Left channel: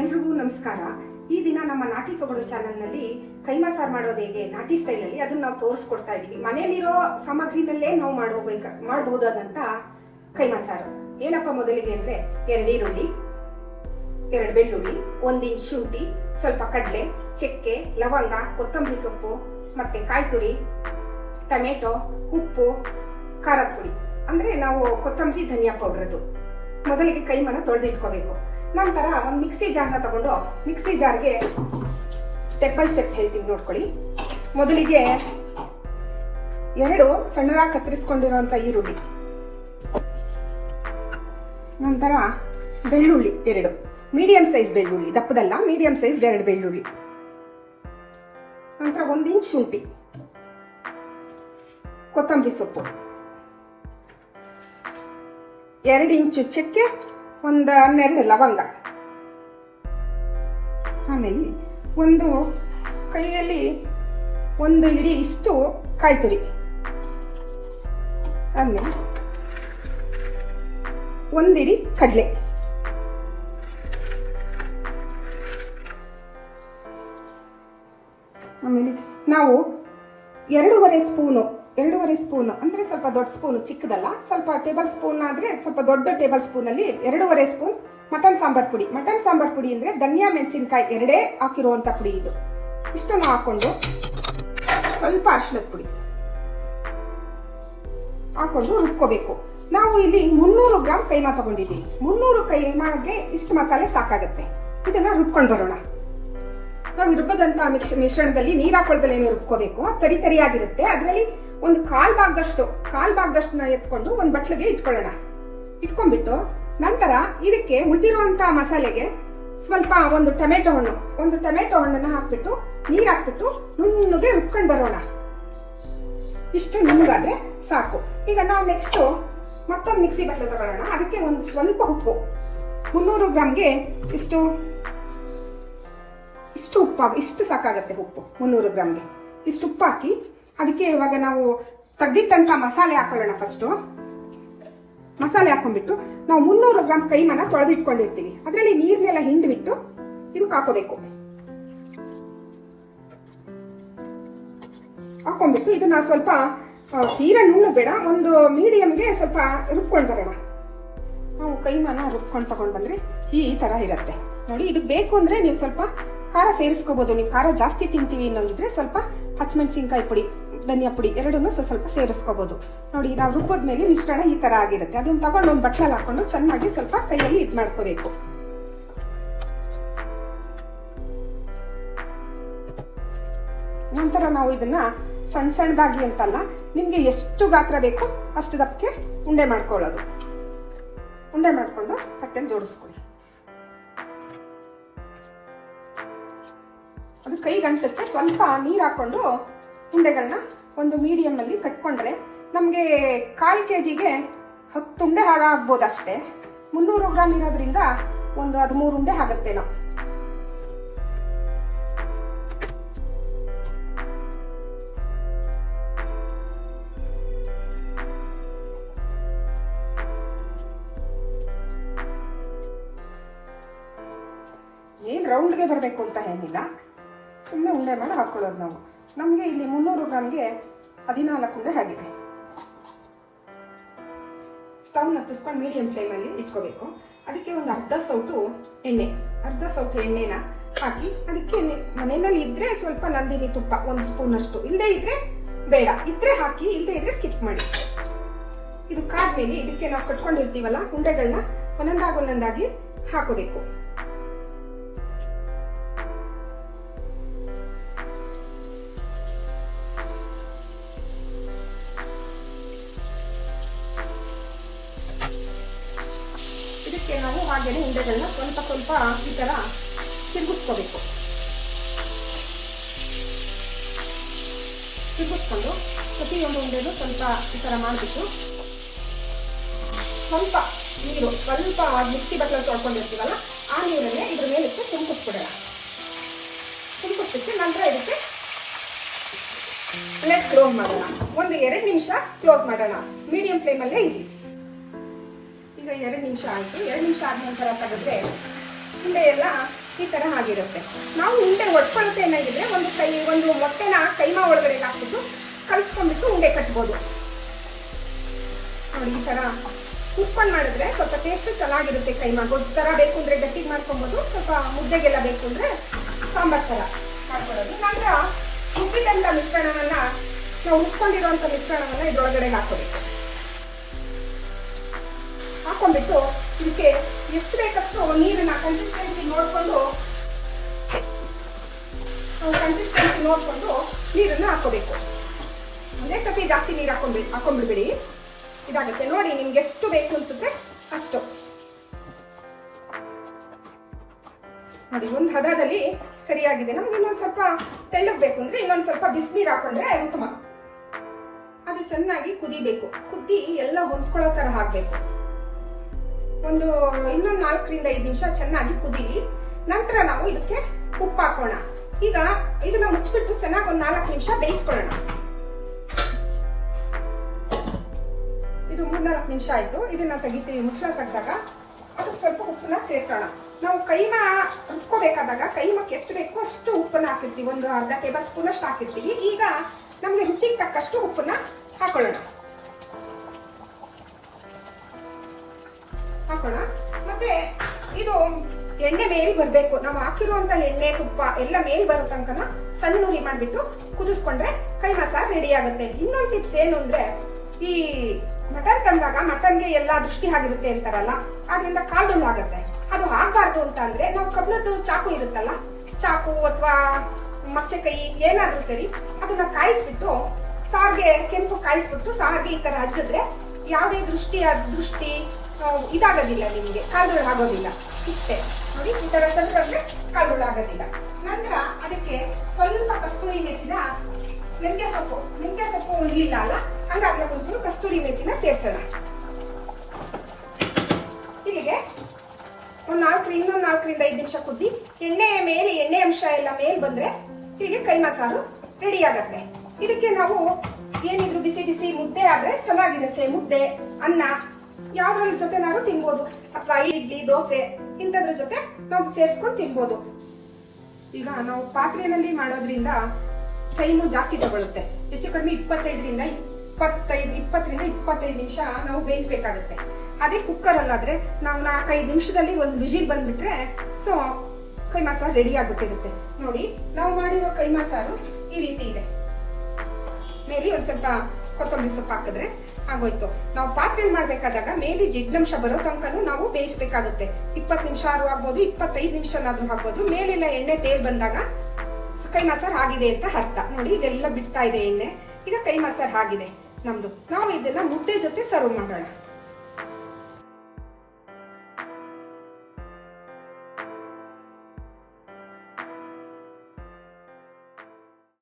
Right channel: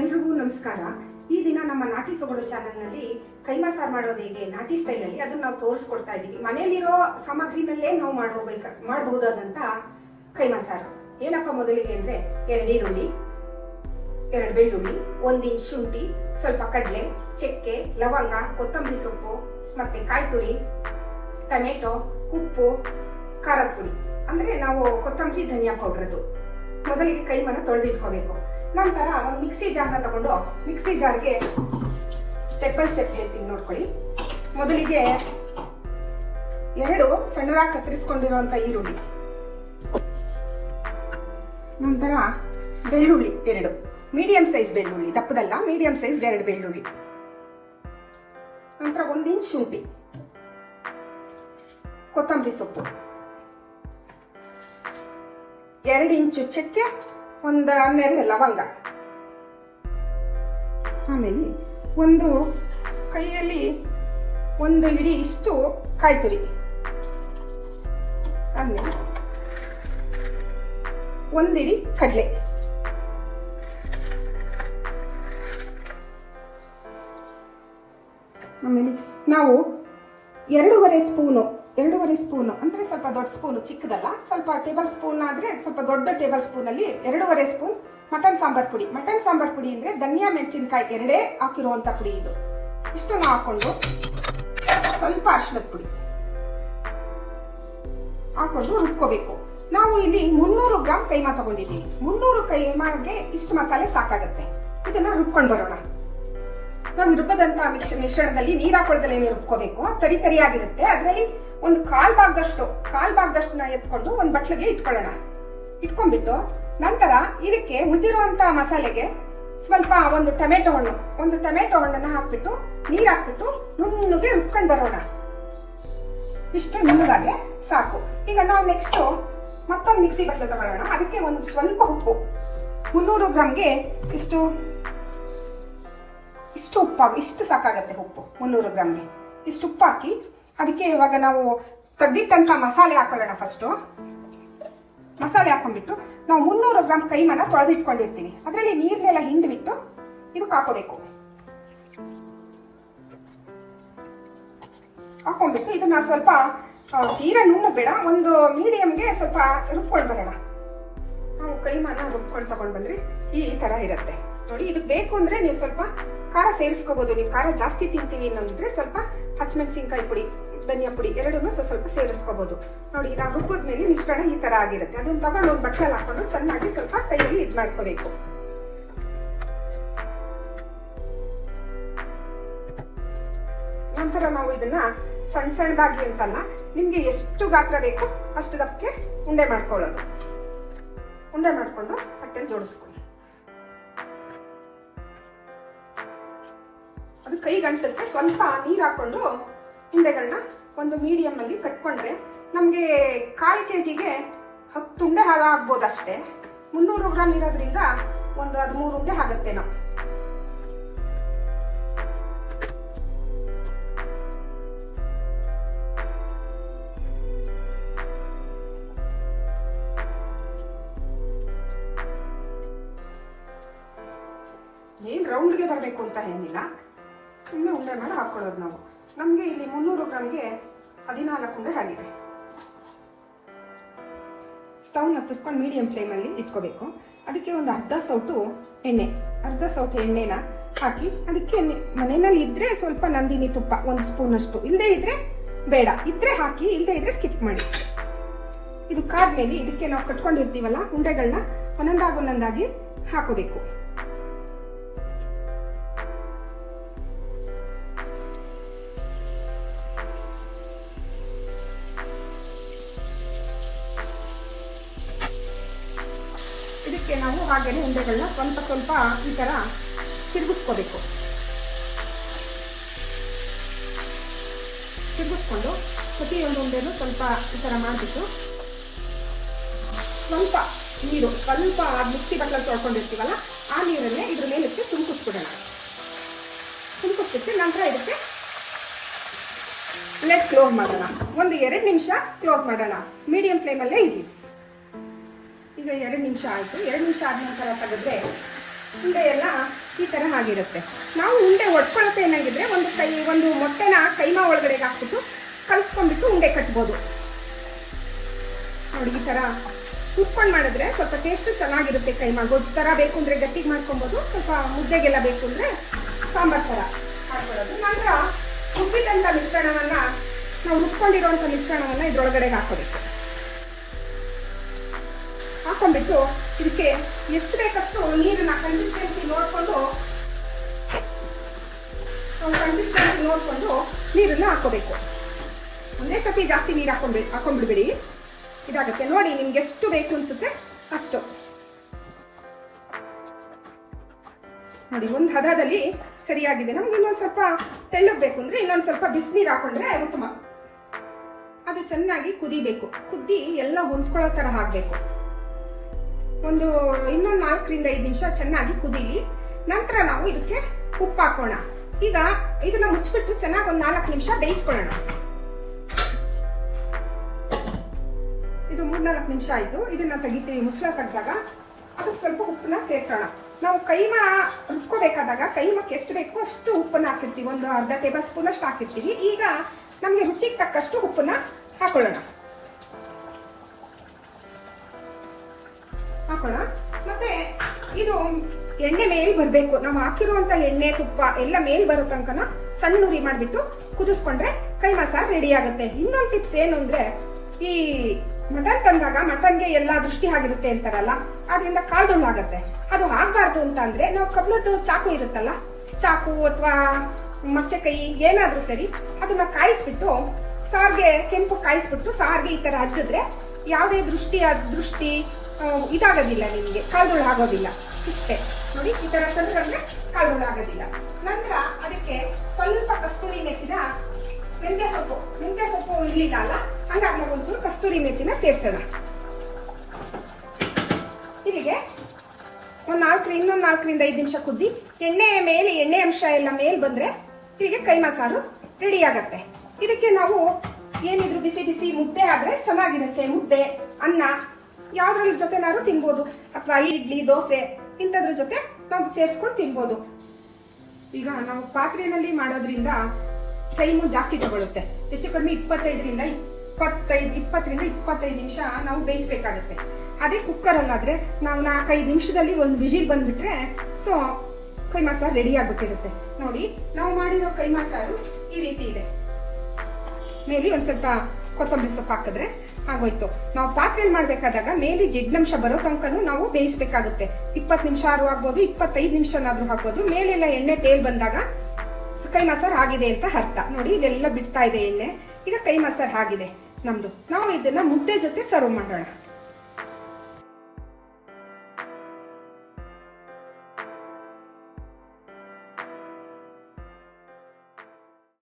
ಎಲ್ರಿಗೂ ನಮಸ್ಕಾರ. ಈ ದಿನ ನಮ್ಮ ನಾಟಿ ಸೊಗಡು ಚಾನೆಲ್ನಲ್ಲಿ ಕೈಮಾ ಸಾರು ಮಾಡೋದು ಹೇಗೆ ನಾಟಿ ಸ್ಟೈಲಲ್ಲಿ ಅದನ್ನ ನಾವು ತೋರಿಸ್ಕೊಡ್ತಾ ಇದೀವಿ. ಮನೆಯಲ್ಲಿರೋ ಸಾಮಗ್ರಿನಲ್ಲೇ ನಾವು ಮಾಡಬಹುದಾದಂತ ಕೈಮಾ ಸಾರು. ಏನಪ್ಪ ಮೊದಲಿಗೆ ಅಂದ್ರೆ 2 ಈರುಳ್ಳಿ, 2 ಬೆಳ್ಳುಳ್ಳಿ, 1 ಇಂಚ್ ಶುಂಠಿ, ಸ್ವಲ್ಪ ಕಡಲೆ, ಚಕ್ಕೆ, ಲವಂಗ, ಕೊತ್ತಂಬರಿ ಸೊಪ್ಪು, ಮತ್ತೆ ಕಾಯಿ ತುರಿ, ಟೊಮೆಟೊ, ಉಪ್ಪು, ಖಾರದ ಪುಡಿ ಅಂದ್ರೆ ನಾವು ಕೊತ್ತಂಬರಿ ಧನಿಯಾ ಪೌಡರ್ದು. ಮೊದಲಿಗೆ ಕೈಮಾನ ತೊಳೆದಿಟ್ಕೋಬೇಕು. ನಂತರ ಒಂದು ಮಿಕ್ಸಿ ಜಾರ್ನ ತಗೊಂಡು ಮಿಕ್ಸಿ ಜಾರ್ಗೆ ಸ್ಟೆಪ್ ಬೈ ಸ್ಟೆಪ್ ಹೇಳ್ತೀನಿ ನೋಡ್ಕೊಳ್ಳಿ. ಮೊದಲಿಗೆ 2 ಸಣ್ಣದಾಗಿ ಕತ್ತರಿಸ್ಕೊಂಡಿರುವಂತ ಈರುಳ್ಳಿ, ನಂತರ ಬೆಳ್ಳುಳ್ಳಿ 2 ಮೀಡಿಯಂ ಸೈಜ್ ಬೆಳ್ಳುಳ್ಳಿ, ದಪ್ಪದಲ್ಲ ಮೀಡಿಯಂ ಸೈಜ್ 2 ಬೆಳ್ಳುಳ್ಳಿ, ನಂತರ 1 ಇಂಚ್ ಶುಂಠಿ, ಕೊತ್ತಂಬರಿ ಸೊಪ್ಪು, 2 ಇಂಚು ಚಕ್ಕೆ, 12 ಲವಂಗ, ಆಮೇಲೆ ಒಂದು ಕೈಯಲ್ಲಿ 1 ಹಿಡಿ ಇಷ್ಟು ಕಾಯಿ ತುರಿ, ಆಮೇಲೆ 1 ಹಿಡಿ ಕಡಲೆ, ಆಮೇಲೆ ನಾವು 2.5 ಸ್ಪೂನು ಅಂದ್ರೆ ಸ್ವಲ್ಪ ದೊಡ್ಡ ಸ್ಪೂನು, ಚಿಕ್ಕದಲ್ಲ, ಸ್ವಲ್ಪ ಟೇಬಲ್ ಸ್ಪೂನ್ ಆದ್ರೆ ಸ್ವಲ್ಪ ದೊಡ್ಡ ಟೇಬಲ್ ಸ್ಪೂನ್ ಅಲ್ಲಿ 2.5 ಸ್ಪೂನ್ ಮಟನ್ ಸಾಂಬಾರ್ ಪುಡಿ. ಮಟನ್ ಸಾಂಬಾರ್ ಪುಡಿ ಅಂದ್ರೆ ಧನಿಯಾ ಮೆಣಸಿನಕಾಯಿ 2 ಹಾಕಿರುವಂತ ಪುಡಿ ಇದು. ಇಷ್ಟನ್ನು ಹಾಕೊಂಡು ಸ್ವಲ್ಪ ಅರಿಶಿಣದ ಪುಡಿ ಹಾಕೊಂಡು ರುಬ್ಕೋಬೇಕು. ನಾವು ಇಲ್ಲಿ 300 ಗ್ರಾಮ್ ಕೈಮಾ ತಗೊಂಡಿದ್ದೀವಿ. 300 ಕೈಮಾಗೆ ಇಷ್ಟು ಮಸಾಲೆ ಸಾಕಾಗತ್ತೆ. ಇದನ್ನ ರುಬ್ಕೊಂಡು ಬರೋಣ. ನಾವು ರುಬ್ಬದಂತ ಮಿಶ್ರಣದಲ್ಲಿ ನೀರ್ ಹಾಕೊಳ್ಳದಲ್ಲೇನೆ ರುಬ್ಕೋಬೇಕು. ತರಿ ತರಿಯಾಗಿರುತ್ತೆ. ಅದರಲ್ಲಿ ಒಂದು ಕಾಲ್ ಭಾಗದಷ್ಟನ್ನ ಎತ್ಕೊಂಡು ಒಂದು ಬಟ್ಲಿಗೆ ಇಟ್ಕೊಳ್ಳೋಣ. ಇಟ್ಕೊಂಡ್ಬಿಟ್ಟು ನಂತರ ಇದಕ್ಕೆ ಉಳಿದಿರುವಂತ ಮಸಾಲೆಗೆ ಸ್ವಲ್ಪ ಒಂದು ಟೊಮೆಟೊ ಹಣ್ಣನ್ನ ಹಾಕ್ಬಿಟ್ಟು ನೀರ್ ಹಾಕ್ಬಿಟ್ಟು ನುಣ್ಣಗೆ ರುಬ್ಕೊಂಡು ಬರೋಣ. ಇಷ್ಟು ನುಣ್ಣಗಾದ್ರೆ ಸಾಕು. ಈಗ ನಾವು ನೆಕ್ಸ್ಟ್ ಮತ್ತೊಂದು ಮಿಕ್ಸಿ ಬಟ್ಲು ತಗೊಳ್ಳೋಣ. ಅದಕ್ಕೆ ಒಂದು ಸ್ವಲ್ಪ ಉಪ್ಪು, 300 ಗ್ರಾಮ್ಗೆ ಇಷ್ಟು ಸಾಕಾಗತ್ತೆ ಉಪ್ಪು. 300 ಗ್ರಾಮ್ಗೆ ಇಷ್ಟು ಉಪ್ಪು ಹಾಕಿ ಅದಕ್ಕೆ ಇವಾಗ ನಾವು ತೆಗ್ದಿಟ್ಟಂತ ಮಸಾಲೆ ಹಾಕೊಳ್ಳೋಣ. ಫಸ್ಟು ಮಸಾಲೆ ಹಾಕೊಂಡ್ಬಿಟ್ಟು ನಾವು 300 ಗ್ರಾಮ್ ಕೈಮನ ತೊಳೆದಿಟ್ಕೊಂಡಿರ್ತೀವಿ. ಅದರಲ್ಲಿ ನೀರ್ನೆಲ್ಲ ಹಿಂಡ್ಬಿಟ್ಟು ಇದಕ್ಕೆ ಹಾಕೋಬೇಕು. ಹಾಕೊಂಡ್ಬಿಟ್ಟು ಇದನ್ನ ಸ್ವಲ್ಪ ತೀರಾ ನುಣ್ಣು ಬೇಡ, ಒಂದು ಮೀಡಿಯಂಗೆ ಸ್ವಲ್ಪ ರುಬ್ಕೊಂಡು ಬರೋಣ. ನಾವು ಕೈಮನ ರುಬ್ಕೊಂಡು ತಗೊಂಡು ಬಂದ್ರೆ ಈ ತರ ಇರುತ್ತೆ ನೋಡಿ. ಇದಕ್ಕೆ ಬೇಕು ಅಂದ್ರೆ ನೀವು ಸ್ವಲ್ಪ ಖಾರ ಸೇರಿಸ್ಕೋಬಹುದು. ನೀವು ಖಾರ ಜಾಸ್ತಿ ತಿಂತೀವಿ ಅನ್ನೋದಿದ್ರೆ ಸ್ವಲ್ಪ ಹಸಿಮೆಣಸಿನಕಾಯಿ ಪುಡಿ, ಧನಿಯಾ ಪುಡಿ ಎರಡನ್ನೂ ಸ್ವಲ್ಪ ಸೇರಿಸ್ಕೋಬಹುದು. ನೋಡಿ, ನಾವು ರುಬ್ಬೋದ್ಮೇಲೆ ಮಿಶ್ರಣ ಈ ತರ ಆಗಿರುತ್ತೆ. ಅದನ್ನ ತಗೊಂಡು ಒಂದು ಬಟ್ಲಲ್ಲಿ ಹಾಕೊಂಡು ಚೆನ್ನಾಗಿ ಸ್ವಲ್ಪ ಕೈಯಲ್ಲಿ ಇದು ಮಾಡ್ಕೋಬೇಕು. ನಂತರ ನಾವು ಇದನ್ನ ಸಣ್ಣದಾಗಿ ಅಂತಲ್ಲ, ನಿಮ್ಗೆ ಎಷ್ಟು ಗಾತ್ರ ಬೇಕೋ ಅಷ್ಟು ದಪ್ಪಕ್ಕೆ ಉಂಡೆ ಮಾಡ್ಕೊಳ್ಳೋದು. ಉಂಡೆ ಮಾಡ್ಕೊಂಡು ತಟ್ಟೆಯಲ್ಲಿ ಜೋಡಿಸ್ಕೊಳ್ಳಿ. ಅದು ಕೈ ಗಂಟಕ್ಕೆ ಸ್ವಲ್ಪ ನೀರು ಹಾಕೊಂಡು ಉಂಡೆಗಳನ್ನ ಒಂದು ಮೀಡಿಯಂ ಅಲ್ಲಿ ಕಟ್ಕೊಂಡ್ರೆ ನಮ್ಗೆ 1/4 kgಗೆ 10 ಉಂಡೆ ಆಗ್ಬೋದು ಅಷ್ಟೇ. 300 ಗ್ರಾಮ್ ಇರೋದ್ರಿಂದ ಒಂದು 13 ಉಂಡೆ ಆಗುತ್ತೇನೋ. ಏನ್ ರೌಂಡ್ಗೆ ಬರಬೇಕು ಅಂತ ಏನಿಲ್ಲ, ಸುಮ್ಮನೆ ಉಂಡೆ ಮಾಡಿ ಹಾಕೊಳ್ಳೋದು ನಾವು. ನಮಗೆ ಇಲ್ಲಿ 300 ಗ್ರಾಮ್ಗೆ 14 ಉಂಡೆ ಆಗಿದೆ. ಸ್ಟವ್ ಹತ್ತಿಸ್ಕೊಂಡು ಮೀಡಿಯಂ ಫ್ಲೇಮಲ್ಲಿ ಇಟ್ಕೋಬೇಕು. ಅದಕ್ಕೆ ಒಂದು ಅರ್ಧ ಸೌಟು ಎಣ್ಣೆನ ಹಾಕಿ, ಅದಕ್ಕೆ ಮನೆಯಲ್ಲಿ ಇದ್ರೆ ಸ್ವಲ್ಪ ನಂದಿನಿ ತುಪ್ಪ 1 ಸ್ಪೂನ್ ಅಷ್ಟು, ಇಲ್ಲದೆ ಇದ್ರೆ ಬೇಡ, ಇದ್ರೆ ಹಾಕಿ, ಇಲ್ಲದೆ ಇದ್ರೆ ಸ್ಕಿಪ್ ಮಾಡಿ. ಇದು ಕಾದ್ಮೇಲೆ ಇದಕ್ಕೆ ನಾವು ಕಟ್ಕೊಂಡಿರ್ತೀವಲ್ಲ ಉಂಡೆಗಳನ್ನ ಒಂದೊಂದಾಗಿ ಹಾಕೋಬೇಕು. ಇದಕ್ಕೆ ನಾವು ಹಾಗೇನೆ ಉಂಡೆಗಳನ್ನ ಸ್ವಲ್ಪ ಈ ತರ ತಿರುಗಿಸ್ಕೋಬೇಕು. ತಿರುಗಿಸ್ಕೊಂಡು ಪ್ರತಿಯೊಂದು ಉಂಡೆನೂ ಸ್ವಲ್ಪ ಈ ತರ ಮಾಡಿಬಿಟ್ಟು ಸ್ವಲ್ಪ ನೀರು, ಸ್ವಲ್ಪ ಮಿಕ್ಸಿ ಬಟ್ಟೆ ತೊಳ್ಕೊಂಡಿರ್ತೀವಲ್ಲ ಆ ನೀರನ್ನೇ ಇದ್ರ ಮೇಲಕ್ಕೆ ತುಂಬಿಸ್ಬಿಡೋಣ. ತುಂಬಿಸ್ಬಿಟ್ಟು ನಂತರ ಇದಕ್ಕೆ ನೆಟ್ ಕ್ಲೋಸ್ ಮಾಡೋಣ. ಒಂದು 2 ನಿಮಿಷ ಕ್ಲೋಸ್ ಮಾಡೋಣ. ಮೀಡಿಯಂ ಫ್ಲೇಮಲ್ಲೇ ಇರಿ. ಈಗ 2 ನಿಮಿಷ ಆಯಿತು. 2 ನಿಮಿಷ ಆದ ನಂತರ ತೆಗೆದ್ರೆ ಉಂಡೆ ಎಲ್ಲ ಈ ತರ ಆಗಿರುತ್ತೆ. ನಾವು ಉಂಡೆ ಒಡ್ಕೊಳತ್ತೆ ಏನಾಗಿದ್ರೆ ಒಂದು ಮೊಟ್ಟೆನ ಕೈಮಾ ಒಳಗಡೆ ಹಾಕ್ಬಿಟ್ಟು ಕಲ್ಸ್ಕೊಂಡ್ಬಿಟ್ಟು ಉಂಡೆ ಕಟ್ಬೋದು ನೋಡಿ. ಈ ತರ ಉಪ್ಕೊಂಡು ಮಾಡಿದ್ರೆ ಸ್ವಲ್ಪ ಟೇಸ್ಟ್ ಚೆನ್ನಾಗಿರುತ್ತೆ. ಕೈಮಾ ಗೊಜ್ಜು ತರ ಬೇಕು ಅಂದ್ರೆ ಗಟ್ಟಿಗೆ ಮಾಡ್ಕೊಬೋದು, ಸ್ವಲ್ಪ ಮುದ್ದೆಗೆಲ್ಲ ಬೇಕು ಅಂದ್ರೆ ಸಾಂಬಾರ್ ತರ ಮಾಡ್ಕೊಳ್ಳೋದು. ನಂತರ ರುಬ್ಬಿದಂತ ಮಿಶ್ರಣವನ್ನ ನಾವು ರುಬ್ಕೊಂಡಿರುವಂತ ಮಿಶ್ರಣವನ್ನ ಇದ್ರೊಳಗಡೆ ಹಾಕೋಬೇಕು. ಹಾಕೊಂಡ್ಬಿಟ್ಟು ಇದಕ್ಕೆ ಎಷ್ಟು ಬೇಕಷ್ಟು ನೀರನ್ನ ಕನ್ಸಿಸ್ಟೆನ್ಸಿ ನೋಡ್ಕೊಂಡು ನೀರನ್ನ ಹಾಕೋಬೇಕು. ಒಂದೇ ಸತಿ ಜಾಸ್ತಿ ನೀರು ಹಾಕೊಂಡ್ಬಿಡ್ಬೇಡಿ, ಇದಾಗುತ್ತೆ ನೋಡಿ. ನಿಮ್ಗೆ ಎಷ್ಟು ಬೇಕು ಅನ್ಸುತ್ತೆ ಅಷ್ಟು ನೋಡಿ. ಒಂದು ಹದದಲ್ಲಿ ಸರಿಯಾಗಿದೆ. ನಮ್ಗೆ ಇನ್ನೊಂದು ಸ್ವಲ್ಪ ತೆಳ್ಳಗ್ ಬೇಕು ಅಂದ್ರೆ ಇನ್ನೊಂದು ಸ್ವಲ್ಪ ಬಿಸಿನೀರು ಹಾಕೊಂಡ್ರೆ ಉತ್ತಮ. ಅದು ಚೆನ್ನಾಗಿ ಕುದಿಬೇಕು. ಕುದ್ದಿ ಎಲ್ಲ ಹೊಂದ್ಕೊಳ್ಳೋ ತರ ಹಾಕ್ಬೇಕು. ಇನ್ನೊಂದು 4 ರಿಂದ 5 ನಿಮಿಷ ಚೆನ್ನಾಗಿ ಕುದೀಲಿ. ನಂತರ ನಾವು ಇದಕ್ಕೆ ಉಪ್ಪು ಹಾಕೋಣ. ಈಗ ಇದನ್ನ ಮುಚ್ಚಿಬಿಟ್ಟು ಚೆನ್ನಾಗಿ ಒಂದು 4 ನಿಮಿಷ ಬೇಯಿಸ್ಕೊಳ್ಳೋಣ. ಇದು 3-4 ನಿಮಿಷ ಆಯ್ತು. ಇದನ್ನ ತೆಗಿತೀವಿ. ಮುಚ್ಚಳ ತೆಗೆದಾಗ ಅದಕ್ಕೆ ಸ್ವಲ್ಪ ಉಪ್ಪನ್ನ ಸೇರಿಸೋಣ. ನಾವು ಕೈಮಾ ರುಬ್ಕೋಬೇಕಾದಾಗ ಕೈಮಕ್ಕೆ ಎಷ್ಟು ಬೇಕೋ ಅಷ್ಟು ಉಪ್ಪನ್ನ ಹಾಕಿರ್ತೀವಿ. ಒಂದು ಅರ್ಧ ಟೇಬಲ್ ಸ್ಪೂನ್ ಅಷ್ಟು ಹಾಕಿರ್ತೀವಿ. ಈಗ ನಮ್ಗೆ ರುಚಿಗೆ ತಕ್ಕಷ್ಟು ಉಪ್ಪನ್ನ ಹಾಕೊಳ್ಳೋಣ. ಮತ್ತೆ ಇದು ಎಣ್ಣೆ ಮೇಲ್ ಬರ್ಬೇಕು. ನಾವು ಹಾಕಿರುವಂತ ಎಣ್ಣೆ ತುಪ್ಪ ಎಲ್ಲ ಮೇಲ್ ಬರೋ ತನಕನ ಸಣ್ಣ ಉರಿ ಮಾಡ್ಬಿಟ್ಟು ಕುದಿಸ್ಕೊಂಡ್ರೆ ಕೈಮಾ ಸಾರು ರೆಡಿ ಆಗುತ್ತೆ. ಇನ್ನೊಂದು ಟಿಪ್ಸ್ ಏನು ಅಂದ್ರೆ, ಈ ಮಟನ್ ತಂದಾಗ ಮಟನ್ಗೆ ಎಲ್ಲ ದೃಷ್ಟಿ ಆಗಿರುತ್ತೆ ಅಂತಾರಲ್ಲ, ಅದರಿಂದ ಕಾಲ್ದುಳ್ಳು ಆಗತ್ತೆ. ಅದು ಆಗ್ಬಾರ್ದು ಅಂತ ಅಂದ್ರೆ ನಾವು ಕಬ್ಬಿಣದ್ದು ಚಾಕು ಇರುತ್ತಲ್ಲ, ಚಾಕು ಅಥವಾ ಮಚ್ಚೆಕೈ ಏನಾದ್ರೂ ಸರಿ, ಅದನ್ನ ಕಾಯಿಸ್ಬಿಟ್ಟು ಸಾರ್ಗೆ ಕೆಂಪು ಕಾಯಿಸ್ಬಿಟ್ಟು ಸಾರ್ಗೆ ಈ ತರ ಹಚ್ಚಿದ್ರೆ ಯಾವುದೇ ದೃಷ್ಟಿ ಇದಾಗೋದಿಲ್ಲ, ನಿಮಗೆ ಕಾಲ್ದುಳ್ಳು ಆಗೋದಿಲ್ಲ. ಇಷ್ಟೇ ನೋಡಿ, ಈ ತರ ತಂದ್ರೆ ಕಾಲ್ದುಳ್ಳು ಆಗೋದಿಲ್ಲ. ನಂತರ ಅದಕ್ಕೆ ಸ್ವಲ್ಪ ಕಸ್ತೂರಿ ಮೆತ್ತಿನ ಮೆಂತ್ಯ ಸೊಪ್ಪು ಇರ್ಲಿಲ್ಲ ಅಲ್ಲ, ಹಂಗಾಗಿ ಒಂಚೂರು ಕಸ್ತೂರಿ ಮೆತ್ತಿನ ಸೇರ್ಸೋಣ. ಇಲ್ಲಿಗೆ ಇನ್ನೊಂದು 4 ರಿಂದ 5 ನಿಮಿಷ ಕುದ್ದಿ ಎಣ್ಣೆ ಅಂಶ ಎಲ್ಲ ಮೇಲೆ ಬಂದ್ರೆ ಇಲ್ಲಿಗೆ ಕೈಮಾ ಸಾರು ರೆಡಿ ಆಗತ್ತೆ. ಇದಕ್ಕೆ ನಾವು ಏನಿದ್ರು ಬಿಸಿ ಬಿಸಿ ಮುದ್ದೆ ಆದ್ರೆ ಚೆನ್ನಾಗಿರುತ್ತೆ. ಮುದ್ದೆ, ಅನ್ನ ಯಾವ್ದ್ರ ಜೊತೆನಾದ್ರು ತಿನ್ಬೋದು, ಅಥವಾ ಇಡ್ಲಿ, ದೋಸೆ ಇಂಥದ್ರ ಜೊತೆ ನಾವು ಸೇರಿಸ್ಕೊಂಡು ತಿನ್ಬೋದು. ಈಗ ನಾವು ಪಾತ್ರೆಯಲ್ಲಿ ಮಾಡೋದ್ರಿಂದ ಟೈಮು ಜಾಸ್ತಿ ತಗೊಳುತ್ತೆ. ಹೆಚ್ಚು ಕಡಿಮೆ 20 ರಿಂದ 25 ನಿಮಿಷ ನಾವು ಬೇಯಿಸ್ಬೇಕಾಗುತ್ತೆ. ಅದೇ ಕುಕ್ಕರ್ ಅಲ್ಲಾದ್ರೆ ನಾವು 4-5 ನಿಮಿಷದಲ್ಲಿ ಒಂದು ವಿಜಿಲ್ ಬಂದ್ಬಿಟ್ರೆ ಸೊ ಕೈಮಾ ಸಾರು ರೆಡಿ ಆಗ್ಬಿಟ್ಟಿರುತ್ತೆ. ನೋಡಿ, ನಾವು ಮಾಡಿರೋ ಕೈಮಾ ಸಾರು ಈ ರೀತಿ ಇದೆ. ಮೇಲೆ ಒಂದ್ ಸ್ವಲ್ಪ ಕೊತ್ತಂಬರಿ ಸೊಪ್ಪು ಹಾಕಿದ್ರೆ ಆಗೋಯ್ತು. ನಾವು ಪಾತ್ರೆಯಲ್ಲಿ ಮಾಡ್ಬೇಕಾದಾಗ ಮೇಲೆ ಜಿಡ್ನಂಶ ಬರೋ ತನಕನೂ ನಾವು ಬೇಯಿಸ್ಬೇಕಾಗುತ್ತೆ. 20 ನಿಮಿಷ ಆದ್ರೂ ಆಗ್ಬೋದು, 25 ನಿಮಿಷನಾದ್ರೂ ಆಗ್ಬೋದು. ಮೇಲೆಲ್ಲ ಎಣ್ಣೆ ತೇಲ್ ಬಂದಾಗ ಕೈಮಾ ಸಾರು ಆಗಿದೆ ಅಂತ ಅರ್ಥ. ನೋಡಿ, ಇದೆಲ್ಲ ಬಿಡ್ತಾ ಇದೆ ಎಣ್ಣೆ. ಈಗ ಕೈಮಾ ಸಾರು ಆಗಿದೆ ನಮ್ದು. ನಾವು ಇದನ್ನ ಮುದ್ದೆ ಜೊತೆ ಸರ್ವ್ ಮಾಡೋಣ.